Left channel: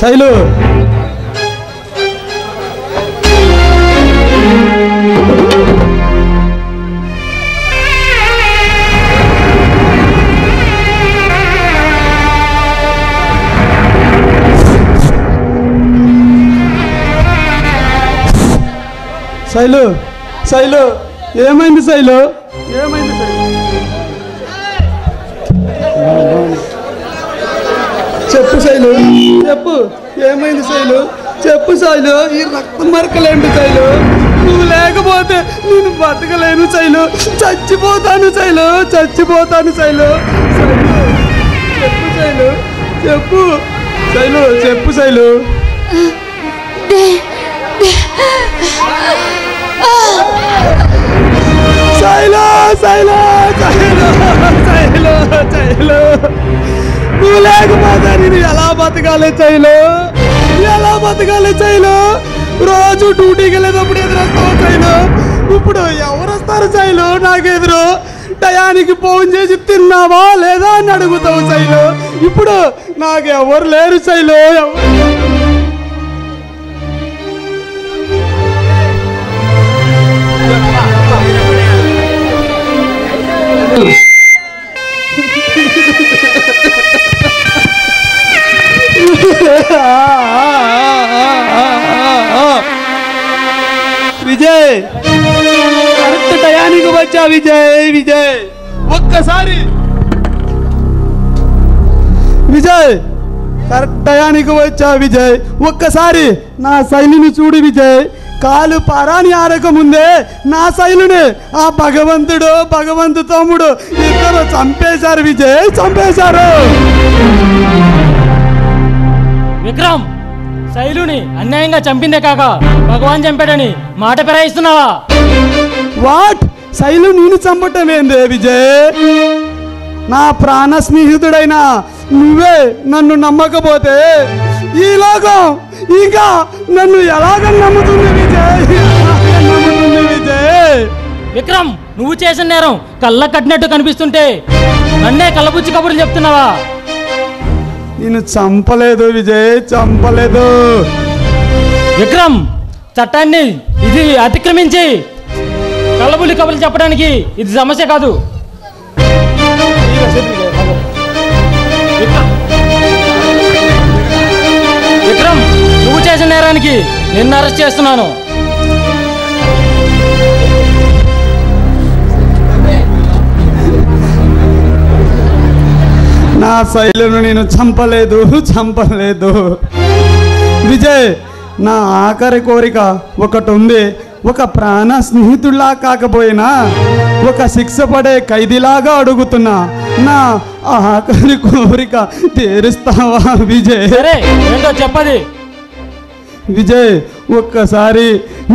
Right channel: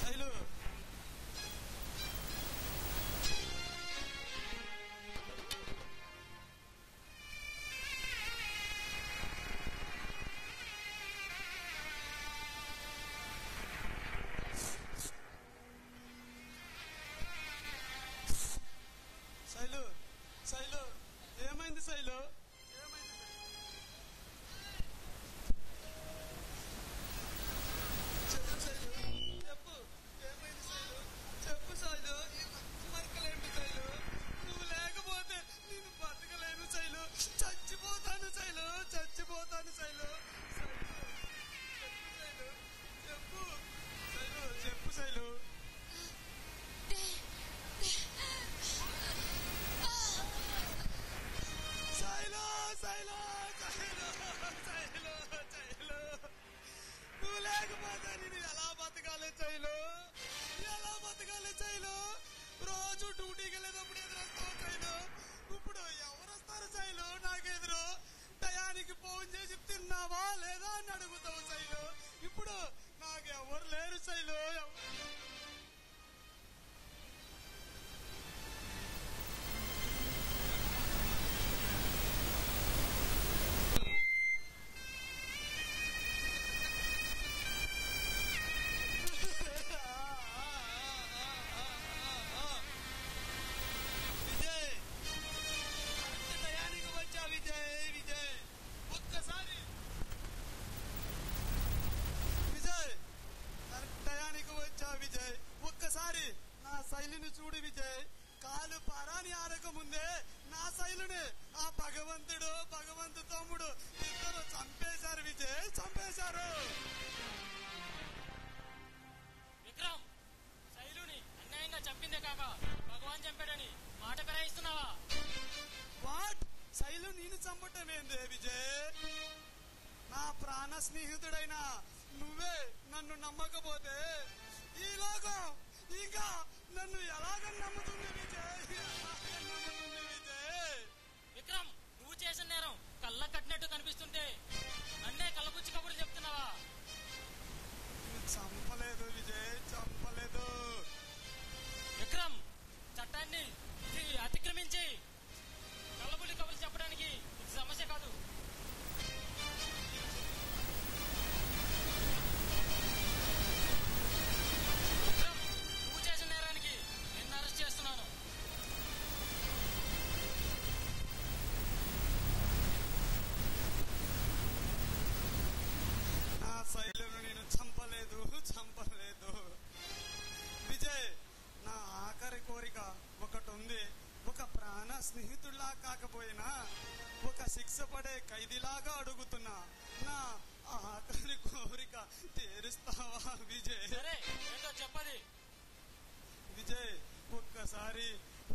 శైలు శైలు శైలు ఏమైంది శైలు ఏమైంది శైలు చెప్పు శైలు చెప్పు ఏమైంది శైలు చెప్పు శైలు ఈ రక్త మరకలేంటి శైలు నువ్వు లేకపోతే నేను బతకలేను శైలు చచ్చిపోతాను శైలు చచ్చిపోతాను శైలు చెప్పు శైలు చెప్పు శైలు చెప్పు శైలు శైలు శైలు శైలు శైలు శైలు నువ్వు లేకపోతే నేను ఎలా బతకాలి శైలు ఎలా బతకాలి శైలు రోజు డ్యూటీకి వెళ్ళేటప్పుడు ఎదురొస్తావు శైలు ఇప్పుడు ఎవరు వస్తారు శైలు నాకెదురు టయానికి ఫోన్ చేసి తిన్నావా లేదా అని అడుగుతావు శైలు ఇప్పుడు నాకు ఎవరు లేరు శైలు విజయ్ కరెక్ట్ టయానికి వచ్చా విజయ్ విజయ్ ఒక్కసారి విజయ్ కరెక్ట్ టయానికి వచ్చా విజయ్ ఒక్కసారి నా శైలిని చూడు విజయ్ కాలు పారాని ఆరకముందే నా శైలుని ఆ భగవంతు తమ్ముడు ఇద్దరు చంపేశారు విజయ్ చంపేశారు విక్రమ్ శైలుని అన్యాయంగా చంపిందే కాక భగవాన్ చంపాడని మాట పెరాయిస్తున్నావా వాట్ శైలు నేను చంపటం ఏందే విజయ్ నా ప్రాణ స్నేహితుడైన నువ్వే నన్ను నమ్మకపోతే ఈ లోకం ఇంకా నన్ను ఎలాగ నమ్ముతుంది విజయ్ నమ్ముతుంది విజయ్ విక్రమ్ నువ్వు చేసిన నేరం కళ్ళ కట్టినట్టు కనిపిస్తుంటే నన్నే కళ్ళబుచ్చి కబుర్లు చెప్తున్నావా నేను చంపలేదు విజయ్ చంపలేదు విక్రమ్ చట్టాన్ని ఇది అతిక్రమించి కళ్ళబుల్లి కబుర్లు చెప్పడానికి ఇది సమస్య కాదు విక్రమ్ నువ్వు చేసిన నేరానికి నిన్ను అరెస్ట్ చేస్తున్నాను నా శైలును నేను చంపలేదు విజయ్ నా ఆఖరి కోరిక ఒకటి ఉంది ఒక ప్రాణ స్నేహితుల్లా కాకపోయినా ఒక శిక్ష పడే ఖైదీలాగా అడుగుతున్నా నా ఆఖరి కోరిక తీరుస్తావా విజయ్ సరే ఏంటో చెప్పది విజయ్ ఒక్కసారి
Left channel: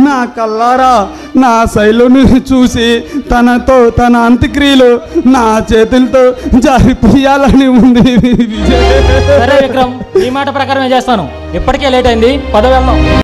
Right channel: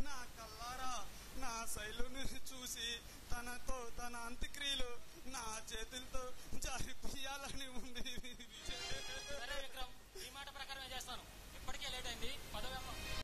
నా కల్లారా నా శైలుని చూసి తన అంత్యక్రియలు నా చేతులతో జరిపియాలని ఉంది విజయ్ సరే విక్రమ్ ఈ మాట ప్రకారమే చేస్తాను ఇప్పటికే లేట్ అయింది పద వెళ్దాం